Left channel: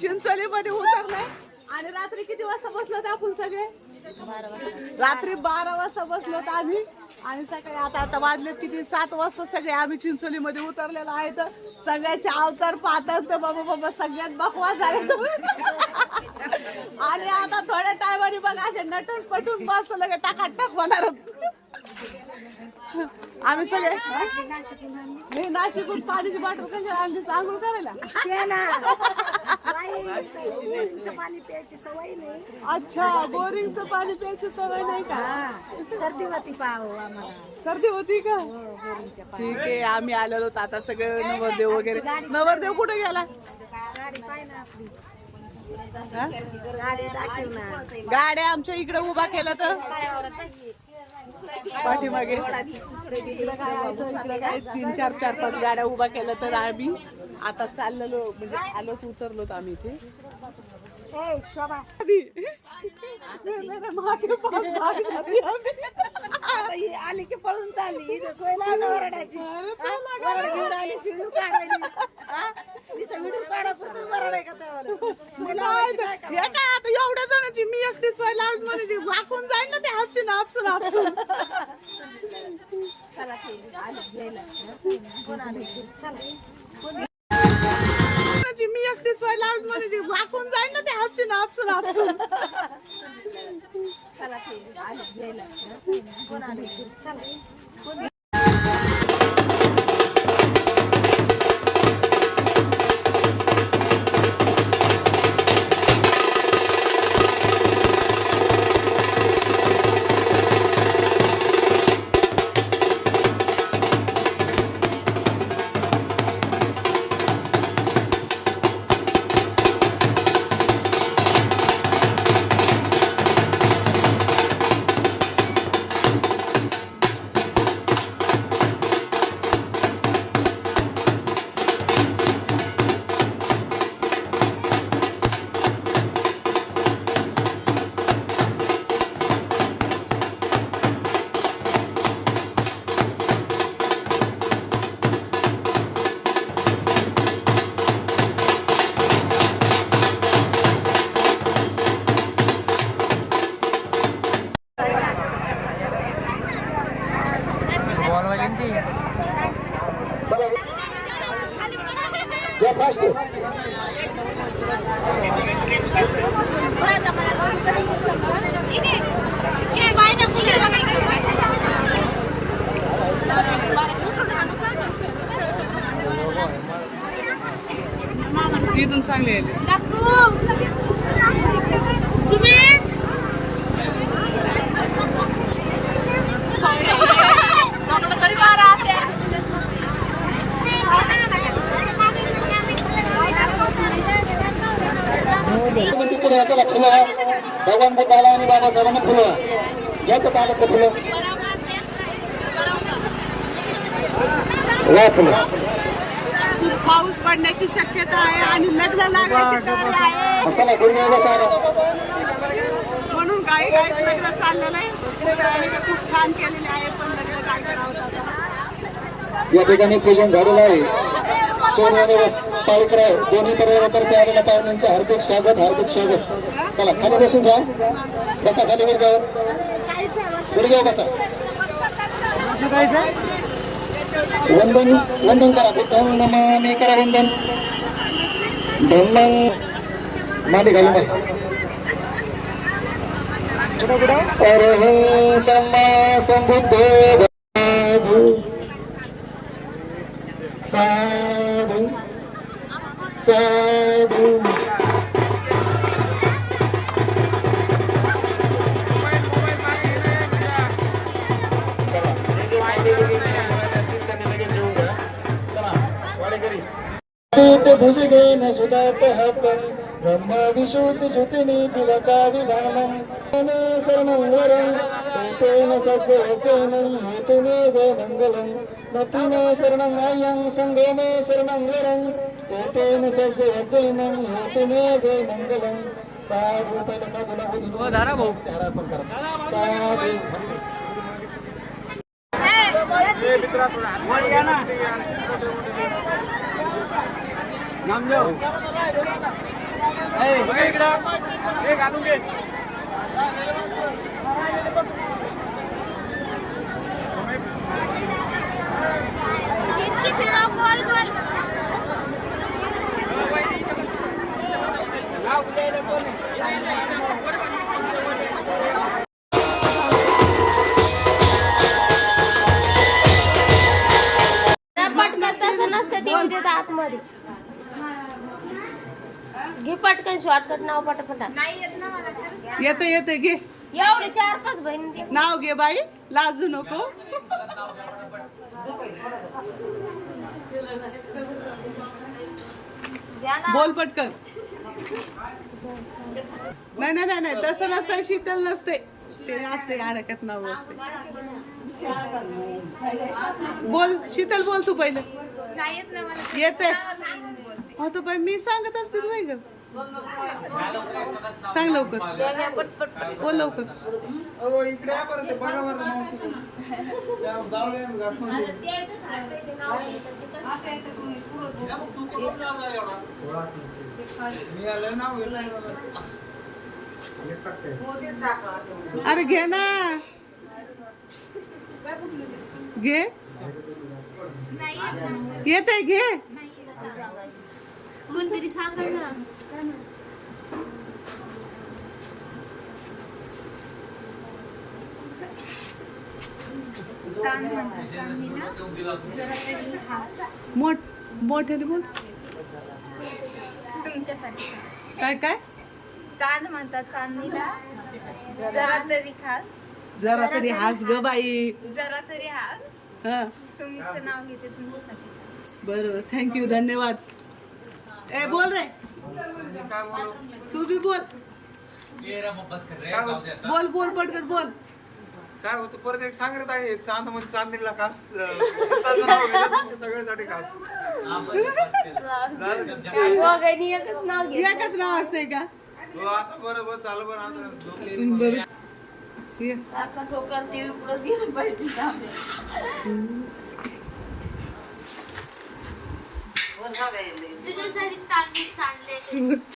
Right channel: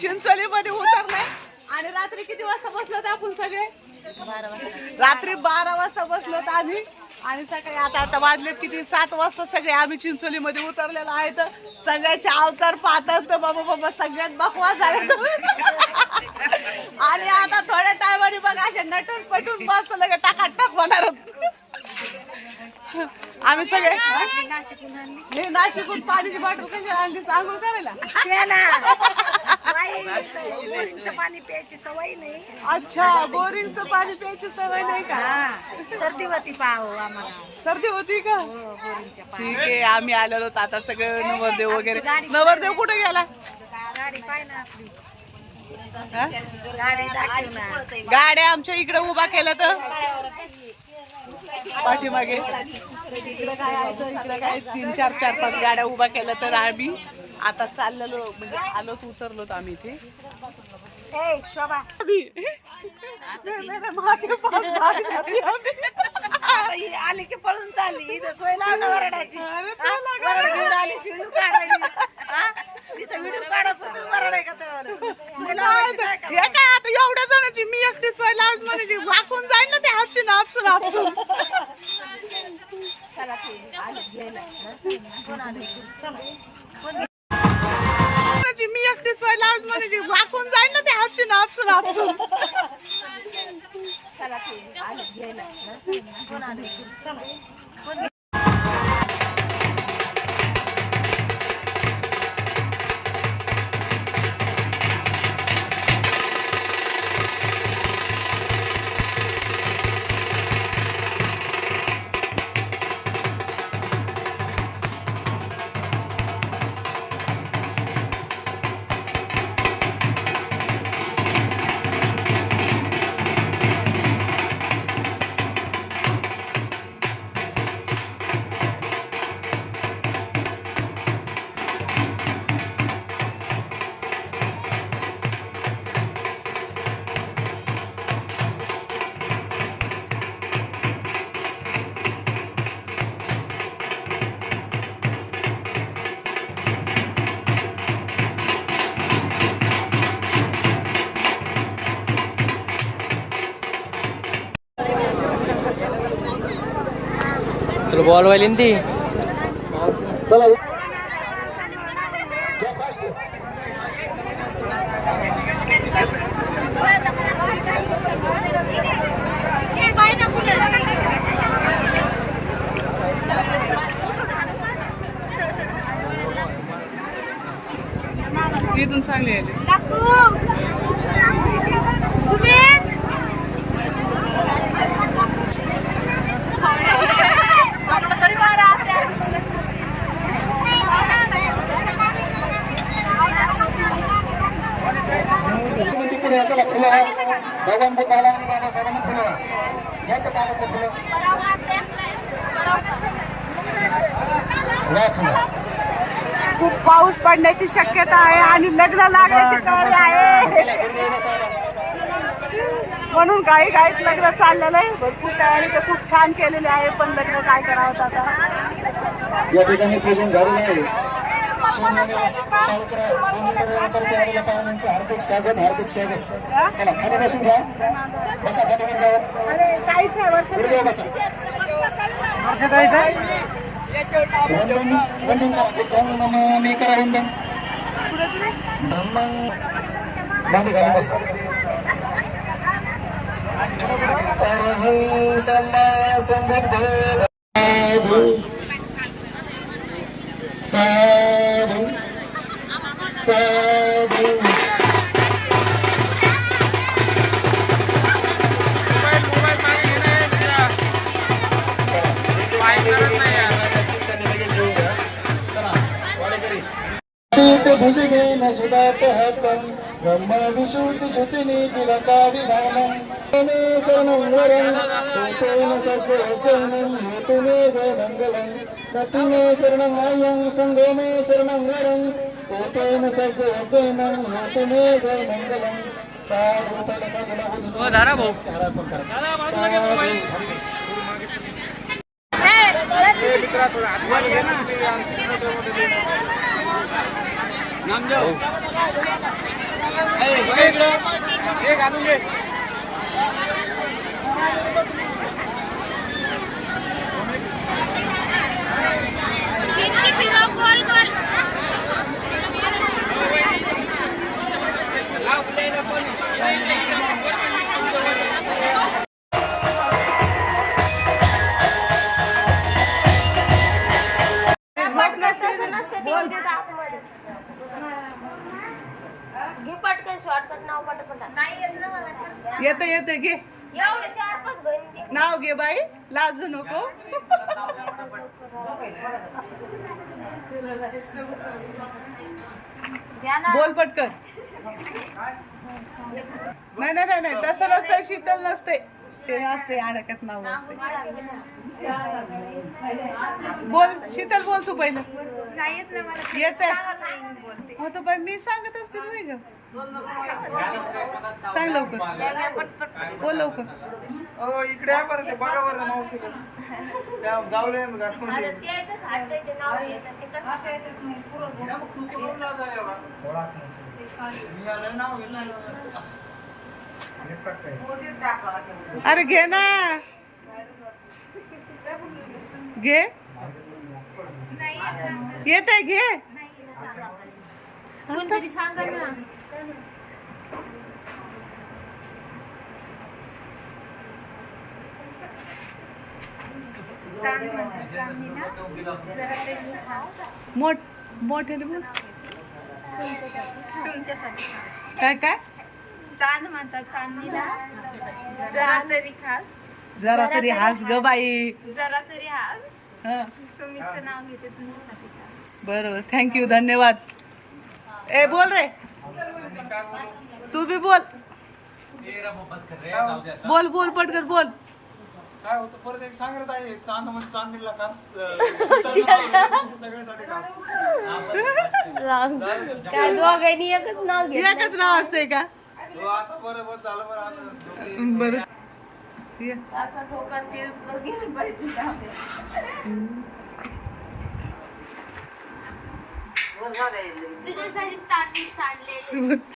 चिंचोली मध्ये उतरले आणि रात्री किती वाजता बसलो आपण सगळे? 12 वाजता. रात्री 12 वाजता बसलो आम्ही आणि सकाळी आता वाजलेत किती 7 वाजता सगळे आम्ही चिंचोली मध्ये उतरलेलो आहे. तर सगळ्याचे अवतार पाहतात तर बाबा सगळ्यात बकवास झाले. आणि आता थोड्या टायमाने बघा असे नटून पटून बसतो लगे टाकाटाक होणार आम्ही सगळे. नाशिकून पाण्याची बॉटल कशी आणली आंघोळ करायला? पाणी प्यायची सवय नाही. अच्छा, बोरिंगचं पाणी प्यायची सवय नाही का? सर्दी होती पाहो आम्हाला. सर्दी होती का? ठीक आहे. आम्ही आलेलो आता सगळं नवरदेव वगैरे. नवरदेव कुठे गेला? गाडी पाय ना आपली. गाड्या आमच्या इकडे उभा केल्या तर पाठीमागे इकडे काय 3-4-5 गाड्या उभा केल्या तर आम्ही आता चाललेलो म्हणजे आलोच उतरलोत आम्ही इथे. शोभा आली की पळून चालली सोय लावणं वरडायची. घेऊन आली व्हिडिओ काढायची. व्हिडिओ काढा वरडाय का सोय लावायची काय आता एवढ्या जणांची मी एकटी सोय लावत म्हणायची वाकून जाईल ना ते हापसून हापसून हापसून. मी एकटी सोय लावत म्हणायची वाकून जाईल ना ते हापसून हापसून हापसून. बॉल वाली ती चला घ्या फास्ट. इथून चांगले आले. तिकडे याचं लक्ष द्या. भगवान बुद्धाला आणि बाबासाहेबांना फुलवा. घ्यायचं तालाचं फुलं फुलं. खूप पाऊस पडण्याची शक्यता आहे आणि लग्न लागण्याची तयारी आहे म्हणून काही लग्न चाललेलं आहे. भरपूर तयारी तर खूप छान केलेली आहे पण लग्न काय करावं आता. या ठिकाणी पूजन झालेलं आहे. सोने आणि पावित्र्य दोन्ही परिवारातर्फे आलेल्या पाहुण्यांचे हार्दिक स्वागत हार्दिक स्वागत. चला खाली बसून घ्या. बसा खाली गुडघ्यावर गुडघ्यावर बसा. वंदन वंदन करा. मी करा वंदन. धन्यन माली घालून बसा. अरहं सम्मा संबुद्धो साधु साधु. भुजगे न सुदाट हतं ब्रह्म विशुद्ध ज्योतिमी दिवका विधानं शरणं वरं तेन सज्ज वचनं हेतु मे जय मंगलं नति मे शरणं आयं संगो मे शरणं वरं तेन सज्ज वचनं हेतु मे जय मंगलं. साधु पहिला साधूला हो धारा भाऊ अर्पण करा. साधु झोप नसते बोल. घे पटकन शॉर्टकट नाव पटापटा. नाही येत ना मला. येतं येतं घे एवढे 4-5 बहिणी. नाव घे बाई, लाजू नको. बोल पटकन. नाही नाही नाही नाही तसं नसतंय, शीतल नसते ते असते, अडक्यात नाव असते. बोल शीतल, बोल तू पहिलं. येत हो तर बाई मी सांगत असते तू ग. सांग लवकर, बोल लवकर. इकडे या बरं, ते बघा बरं मावशीकडे. जाऊया मी गाडीमध्ये. आता ते इथंच हातायचे नाव घेतात ते कसं. अरे घे ना, घे. येत आहे घे. कोणतरी सांगा ना. मोठ्याने बोल. तुमच्यासाठी काय काय चांद म्हणतात चांदणीला, जरा तरी खास, जरा तरी हास ग बाई. जरा तरी हास. हा सुमीचं नाव घेते तुमच्यासाठी खास. बरोबर, थँक्यू, धन्यवाद. ए बोल रे, तू बी बोल. बोल बोल पटकन बोल. काय होतं परत एक सांगत आहे, चांद म्हणजे चांदीला खास. स्वतःचं नाव घेतलं तुमच्या सगळ्यासाठी खास. दोघांनी एकच नाव घे. एकच नाव असतंय का? हो, आता बरोबर चालू बरं आता. बरं ये. काका ठोकर टीव्ही प्लस गेलं पाहिजे. तुझ्यासाठी तांदूळ सांडले.